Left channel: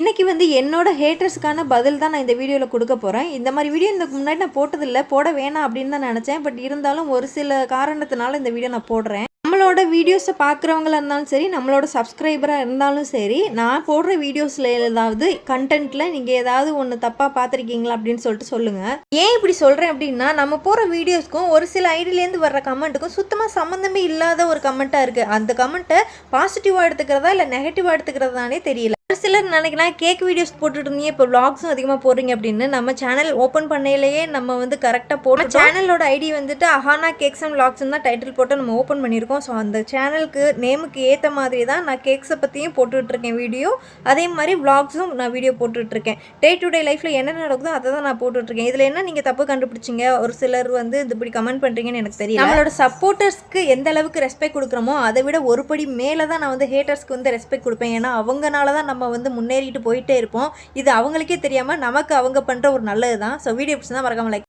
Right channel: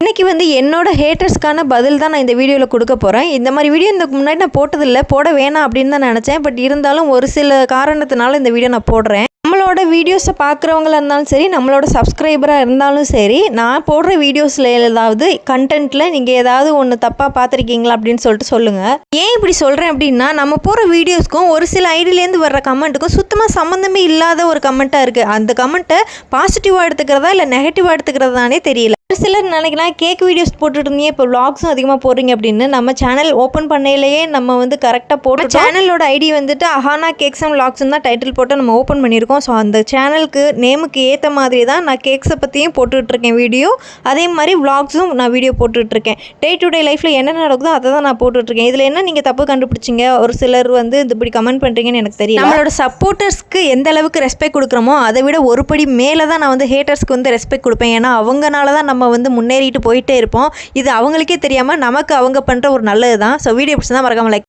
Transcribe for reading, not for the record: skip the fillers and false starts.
இன்னைக்கு வந்து என்னோட ஹேட்டர்ஸ்க்கான பதில் தான் நான் இந்த வீடியோவில் கொடுக்க போகிறேன். இந்த மாதிரி வீடியோ இதுக்கு முன்னாடி நான் போட்டதில்லை, போட வேணாம் அப்படின்னு தான் நினச்சேன். பட் இருந்தாலும் ஒரு சில காரணத்தினால இந்த வீடியோ நான் போடுறேன். நம்மளோட வீடியோஸை பார்க்குறவங்களா இருந்தாலும் சரி, நம்மளோட சப்ஸ்கிரைபராக இருந்தாலும் சரி, நான் போடுற வீடியோஸில் ஏதாவது கண்டென்ட்டில் நீங்கள் ஏதாவது ஒன்று தப்பாக பார்த்துருக்கீங்களா அப்படின்னு சொல்லிட்டு சொல்லுங்கள். ஏன் இப்படி சொல்கிறேன் அப்படின்னா, நம்ம போகிற வீடியோஸ்க்கும் ஒரு சில ஐடியிலேருந்து வர்ற கமெண்ட்டுக்கும் சுத்தமாக சம்மந்தமே இல்லாத ஒரு கமெண்ட்டாக இருக்குது. அந்த கமெண்ட்டை பாசிட்டிவாக எடுத்துக்கிறதா இல்லை நெகட்டிவாக எடுத்துக்கிறதானே தெரியல. ஒரு சிலர் நினைக்கலாம், கேக் வீடியோஸ் போட்டுட்டு இருந்தீங்க, இப்போ விளாக்ஸும் அதிகமாக போடுறீங்க அப்படின்னு. நம்ம சேனல் ஓப்பன் பண்ணையிலேயே நம்ம வந்து கரெக்டாக போட்டு சேனலோட ஐடி வந்துட்டு அஹானா கேக்ஸ் அண்ட் விளாக்ஸ்ன்னு தான் டைட்டில் போட்டு நம்ம ஓப்பன் பண்ணியிருக்கோம். ஸோ அந்த சேனலுக்கு நேமுக்கு ஏற்ற மாதிரி தான் நான் கேக்ஸை பற்றியும் போட்டுட்ருக்கேன் வீடியோ. அதே மாதிரி விளாக்ஸும் நான் வீடியோ போட்டுட்ருக்கேன். டே டு டே லைஃப்பில் என்ன நடக்குதோ அதை தான் நான் போட்டுட்ருக்கேன். இதில் என்ன நீங்கள் தப்பு கண்டுபிடிச்சிங்க, ஒரு சிலர் வந்து இப்படி கமெண்ட் பண்ணுறீங்கன்னு எனக்கு தெரியல. நம்மளோட சப்போர்ட்டர்ஸ்க்கு எந்த அளவுக்கு ரெஸ்பெக்ட் கொடுக்குறோமோ அதை விட ஒரு படி மேலே தான் நான் வந்து ஹேட்டர்ஸ்க்கு வந்து ரெஸ்பெக்ட் கொடுப்பேன். ஏன்னா அவங்கனால தான் நம்ம வந்து முன்னேறிட்டு போயிட்டே இருப்போம். இது அவங்களுக்கே தெரியாமல் நமக்கு அவங்க பண்ணுற ஒரு நல்லது தான். ஸோ வீடியோ பிடிச்சா மறக்காம லைக்